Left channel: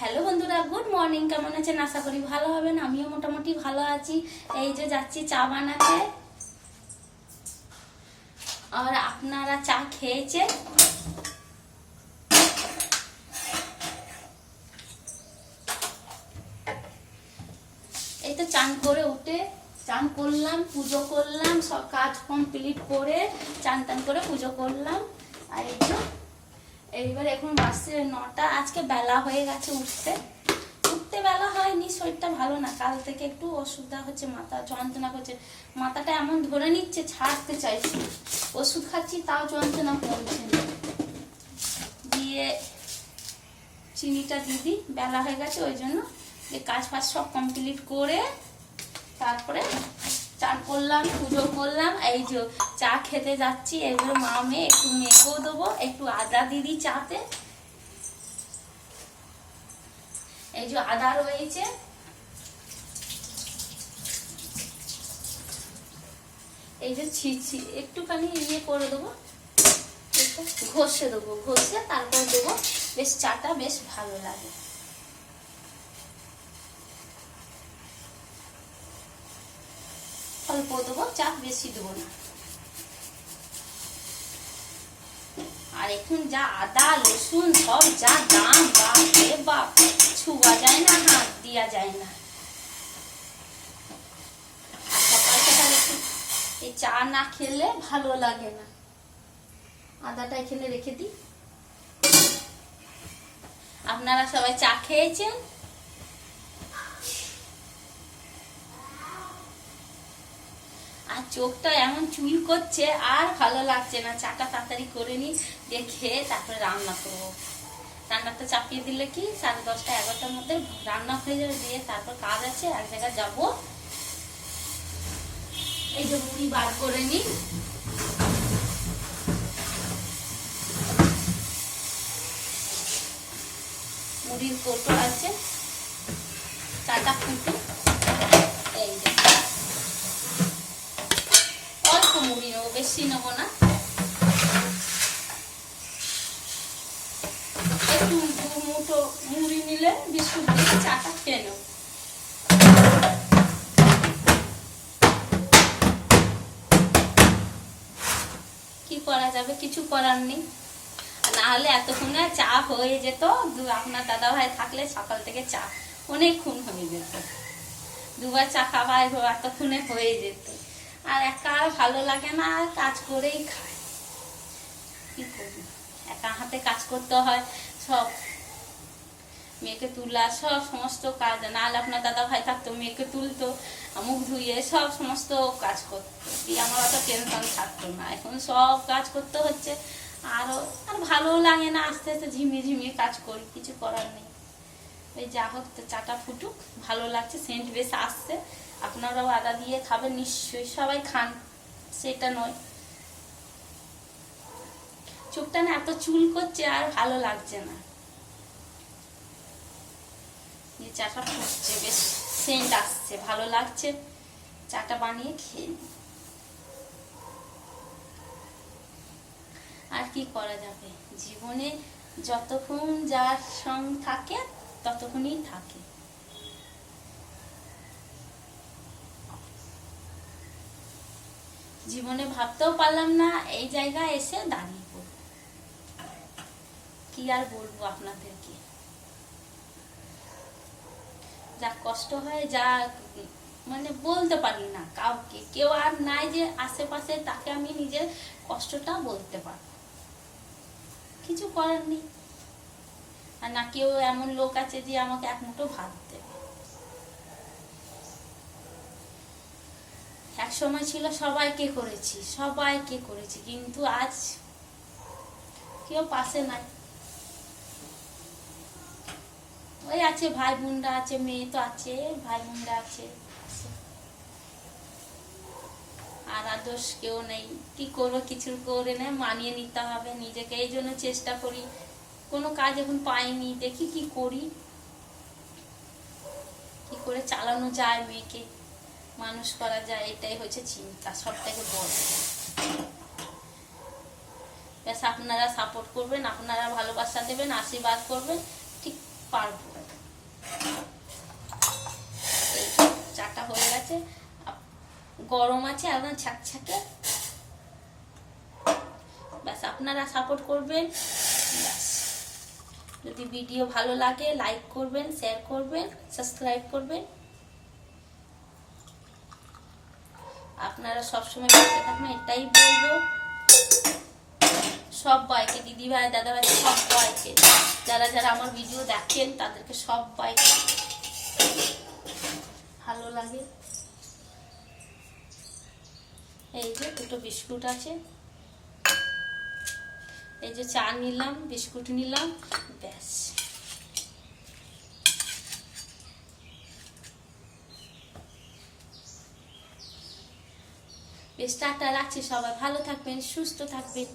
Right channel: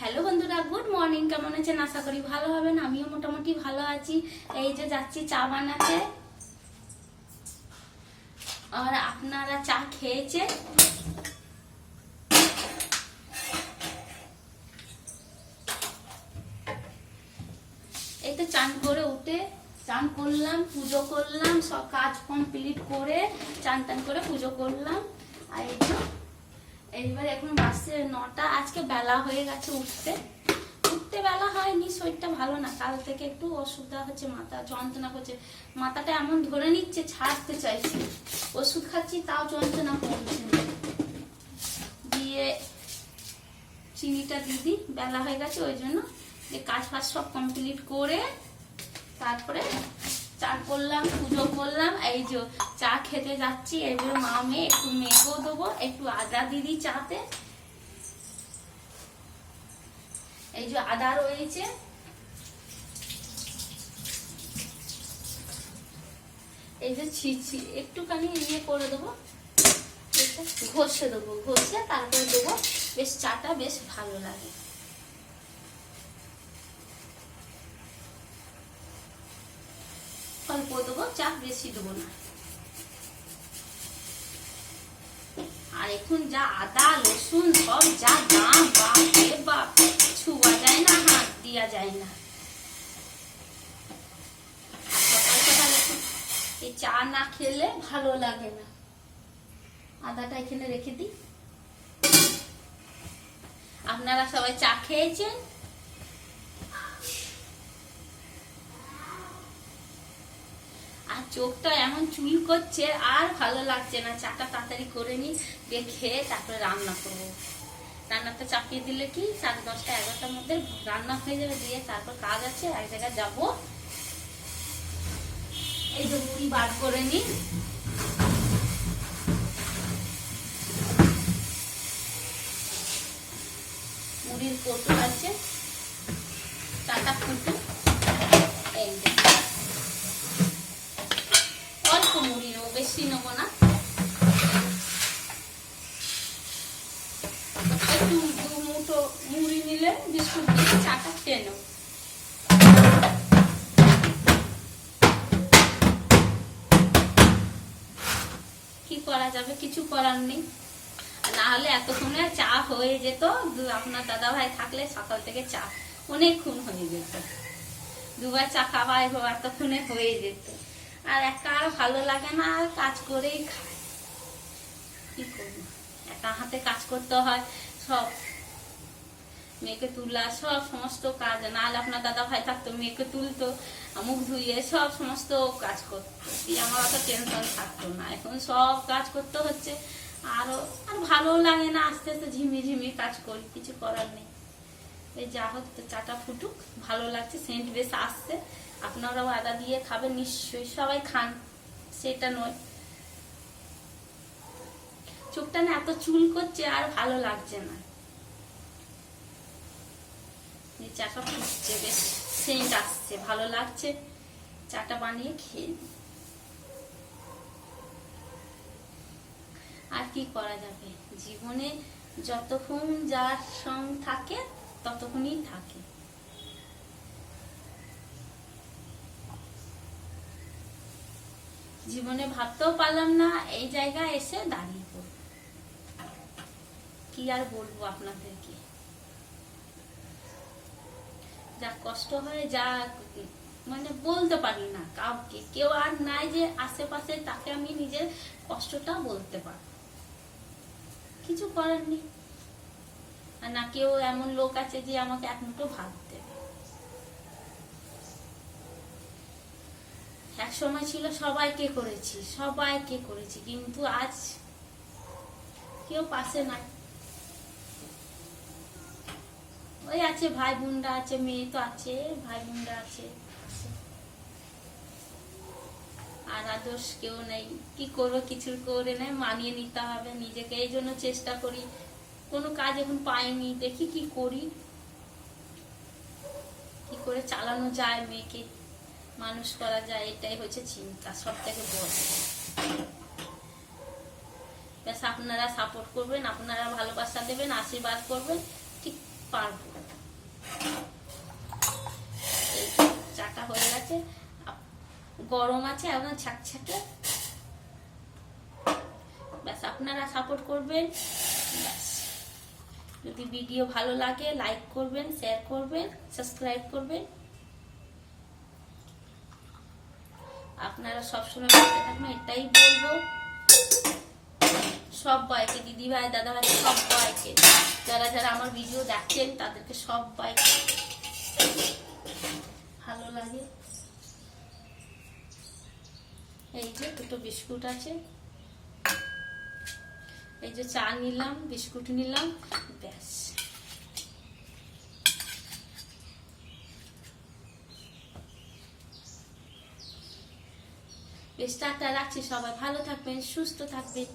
Hello বন্ধুরা, good morning. কেমন আছেন? আশা করি ভালো হবেন। আমিও মোটামুটি ভালো আছি। এই যে যাচ্ছি চা বানাতে। আর আপনারা চা খেয়েছেন? এই তো চান করে উঠে চান করলাম, পুজো করলাম, সব কাজ কমপ্লিট করে চান টান করে পুজো করলাম। আর এই তো এইবার এখন বাসে 9টা। আজকে বেলা হয়ে গেছে উঠতে বেলা হয়নি। শরীরটা ভালো না, কাল থেকে একটু অসুবিধা হচ্ছে, মাথা যন্ত্রণা করছে, মাথাটা এমন ধরে নিচ্ছে, ছাড়তে চাইছি। ওষুধ খাচ্ছি তাও যন্ত্রণা কমছে না। দিয়ে চিনিটা দিদি বেলা হয়ে গেছে, ওই জন্য কাজ ফাজ সব কমপ্লিট করে তারপরে চান করলাম, পুজো করলাম। এই যে চা খেতে যাচ্ছি। এগুলো মা মেয়ে একটু মেয়েকেও দেবো, একটু আদা দিদি চাতে। এই যে আদা রয়েছে, এই যে ছিঁচি একটুখানি ইয়ে করে দেবো, ঘষে দেবো, ঘষে তারপর দেবো, বেশ চাটা বেশ ভালো লাগে। অল্প দেবো চা, বেশি দেবো না। আর এখন যা আদা রসুন সব যা দাম, বাপ রে বাপ, ছুয়া যায় না, হাত দিয়া যায় না। এই চা না খেলে ভালো লাগে না। আদাটা এখানে রেখে দিই। আপনারা সবাই চা খেয়েছেন? আর চোখটা এমন চুল করছে, আর ভালো লাগছে না। চাটা তাড়াতাড়ি করে নি, দিয়ে খেয়ে তারপরে রান্না করবো। রান্নাটা চাপিয়ে দিলে কি 10:30 11টার মধ্যে রান্না হয়ে যাবে। দিয়ে তারপর কাজ আছে, এক জায়গায় যাবো। এই যে মুড়ি বার করে নি, মুড়ির কৌটো আছে, চাটা ফুটো। এই যে অল্প মুড়ি নেবো, বেশি নেবো না। একটু 2 মুঠো মুড়ি নিলে বিস্কুট দিয়ে চাটা খেয়ে নেবো। কি করা যাবে, কিছু করার নেই। না হলে এতক্ষণে চা হয়ে যেত। আপনার দাদা ভাই থাকলে সকাল থেকে চা অনেকক্ষণ হয়ে যেত, 2বার চা খাওয়া এতক্ষণে হয়ে যেত। আর একা আর ভালো লাগে না, আর কাজ করেই খায়। কি করি, একা হাতে কাজ করতে হয়, সব মেয়েকে তুলা, সব সমস্ত কাজ। না হলে আপনার দাদা ভাই থাকতো, মেয়েকে তুলতো, মুখ ধুইয়ে সব সমস্ত কাজ করতো, আমার অত টেনশন থাকতো না। এখন সব কাজ করতে হচ্ছে, আর ভালো লাগে না। আস্তে আস্তে ঝিমিয়ে ঝিমিয়ে কাজ করি, কিছু করার নেই। ওই যা হোক, তো চাটা ফুটুক, ভালো লাগছে, সেন্ট বেশ আসছে। আপনারাও আদা দিয়ে খাবেন নিশ্চয়ই, সবাই খান, সেটা নয়। চোখটা না এত চুল করছে, আর ভালো লাগছে না। চাটা ফুটছে, বেশ সেন্ট আসছে, ভালো লাগছে। চাটা বানিয়ে খেয়ে নিই। আর কি করা যাবে, জীবনে যতক্ষণ যার সঙ্গ থাকে ততক্ষণই থাকে। জীবনে ভাবতেও পারলাম না এই জায়গায় এসে দাঁড়িয়ে পড়ব। কি আর বলবো আপনাদেরকে, যা কষ্ট হয়, যা মানে বলতে পারি না কাউকে। কেউ আর নাই যে আশেপাশে, তাকে আমি নিজের কষ্টটা বলতে পারবো। কিছু করার নেই। আর না কেউ এমন লোক আছে যে আমাকে এক মুঠো ভাত দেবে। এক সময় ছিল সবাইকে করেছি, কিন্তু আজ কেউ পাশে নাই। ওই আছে ভাই বোনরা আছে, মেয়ে তো আছে, ভাই বোনরা আছে, আর আদর্শ কেউ নেই। কি করবো, কিছু করে নেই, মানিয়ে নিতে হবে নিজেকে। এই জন্য চেষ্টা করি, কোনো কাজ এখন পাইনি, দেখি কি করি, কি করে চালানো যায়, মেয়েকে মানুষ করা যায়, এটাই হচ্ছে চিন্তা সব থেকে বড়। ব্যাস আপনারা সাপোর্ট করবেন, আপনারা ভালোবাসা দেবেন, আশীর্বাদ করবেন, ঠিক পারবো। চাটা হয়ে গেছে, গরম আছে একদম ছাকছাকে। ব্যাস, আপনারা সাপোর্ট করবেন। ব্যাস, যদি ভিডিও ভালো লাগে লাইক করবেন, শেয়ার করবেন, সাবস্ক্রাইব করবেন। আপনারা সবসময় পাশে থাকবেন, এটাই বলবো সবাইকে, দিদিভাই দাদাভাই সবাইকে, যারা যারা আমার ভিডিও দেখেন তাদেরকে সবাইকে ভালো লাগে। এই যে দুটো বিস্কুট আছে, এই যে চা নিলাম, বিস্কুট নিলাম, ব্যাস। বেশ, টাটা, রাখছি। সবাই ভালো থাকবেন, সুস্থ থাকবেন।